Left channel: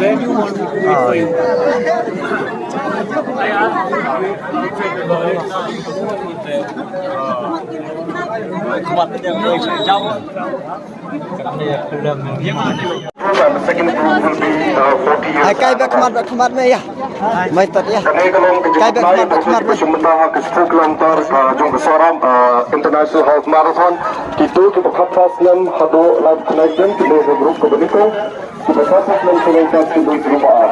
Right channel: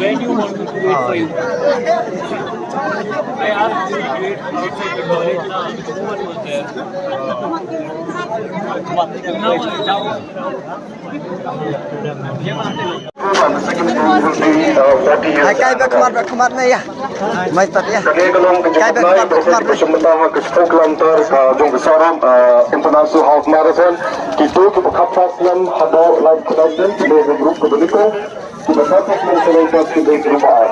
Where do you want me to wait for you? I asked you to wait outside the toilet. No one was there. Kay berkemat ya. Mai tat ya. Kay berkemat. Sementara ke 10 km jom besaram International Half Marathon. Kita kapal selam hado live connection kita grup kebeniko. Kita kapal selam selengkap kita perubahan.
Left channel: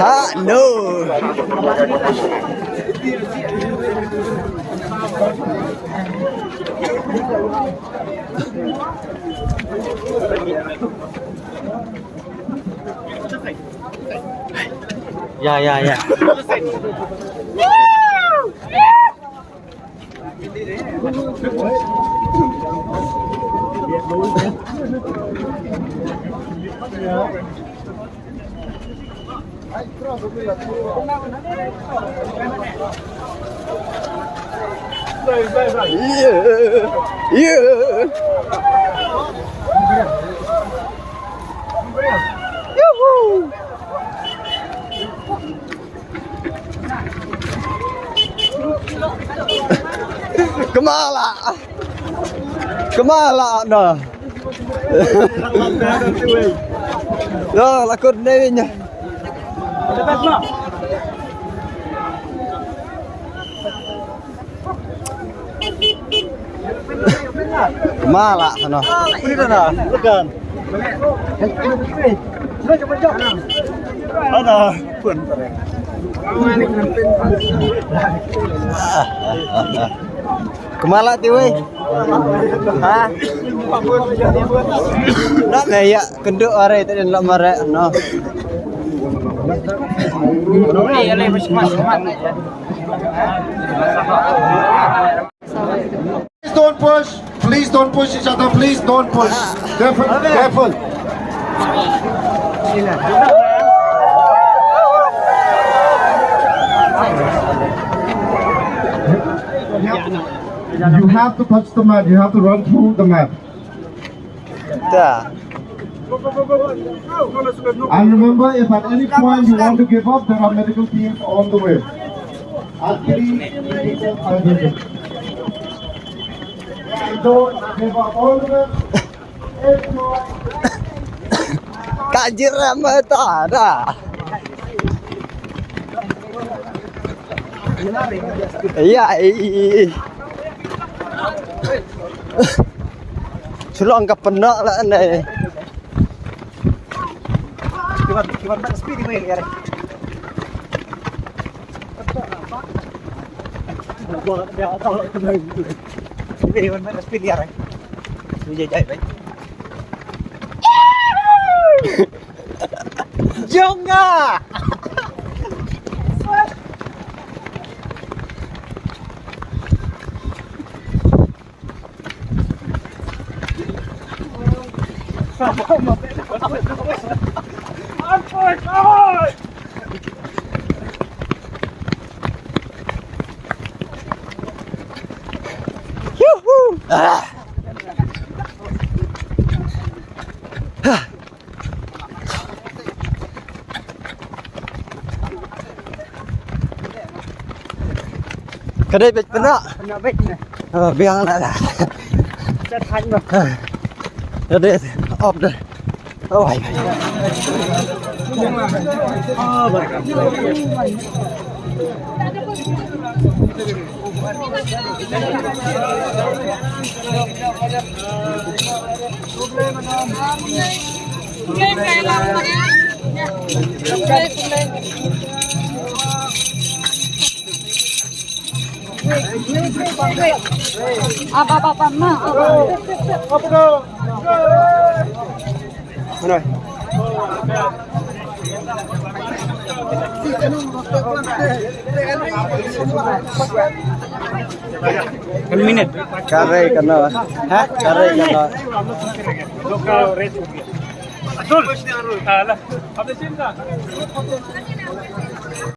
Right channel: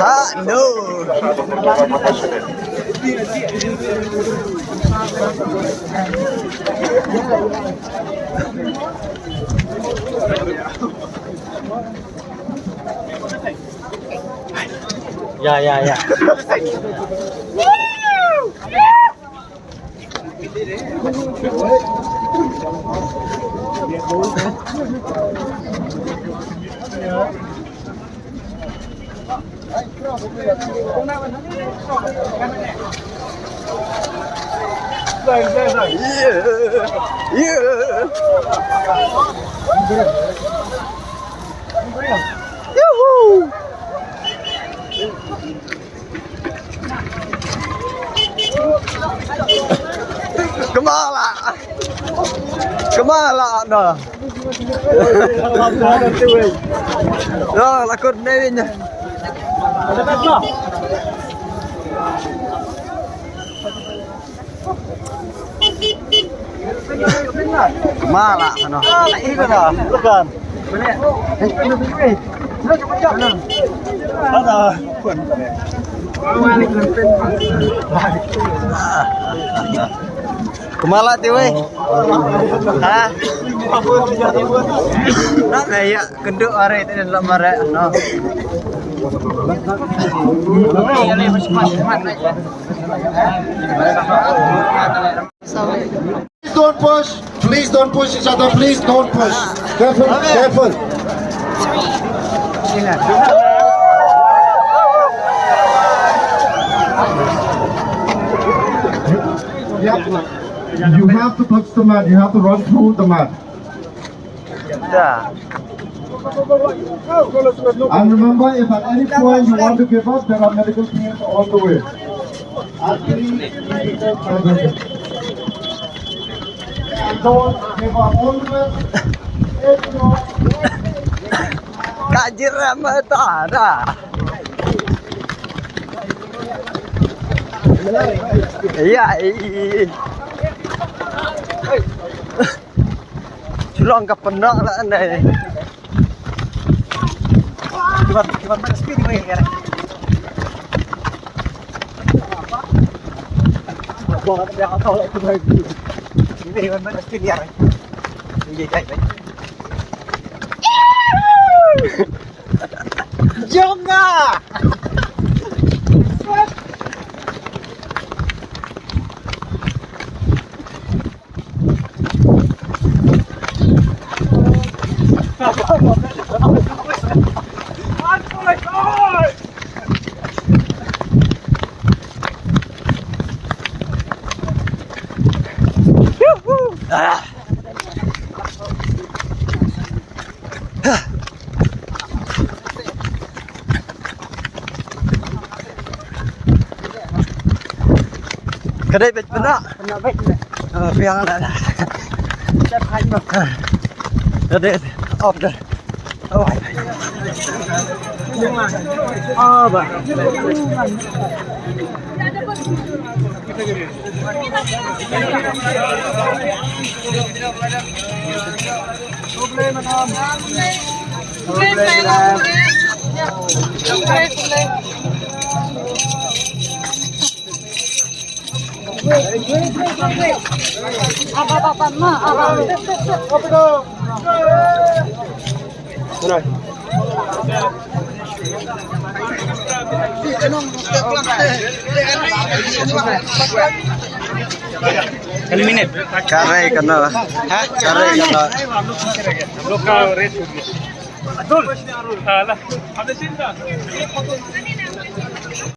Ha no. Ya. Kemala dah. Dah lakon ni. Kemala sana. Itu dah. Bukan. Ada. Kemala tu weh. Ha? Nak ya kenduk are tak dalam mare no. Please don't push each other. Please don't push. Careful. You have to touch the mat. You have to run through the mat. And remember, if at any point you want to give up, there are medical teams on the way. Don't give up. All the way. Kajir ramai tak ada. Iya. Sulang ke penak lah ni. Kibar mana speed ni kira. Buat dia tahu lah tu lagi. Kibar mana speed dia. Dia jai baik. Jonga. Kedai bet penak bet. Oh, biang dah. Chat hang dah. Kedai off dah. Oh. Oh, bah. Problem madam. Eliminate. Karai kena. Karai kena. Lokal rate. Betul. Alah. Ada cinta.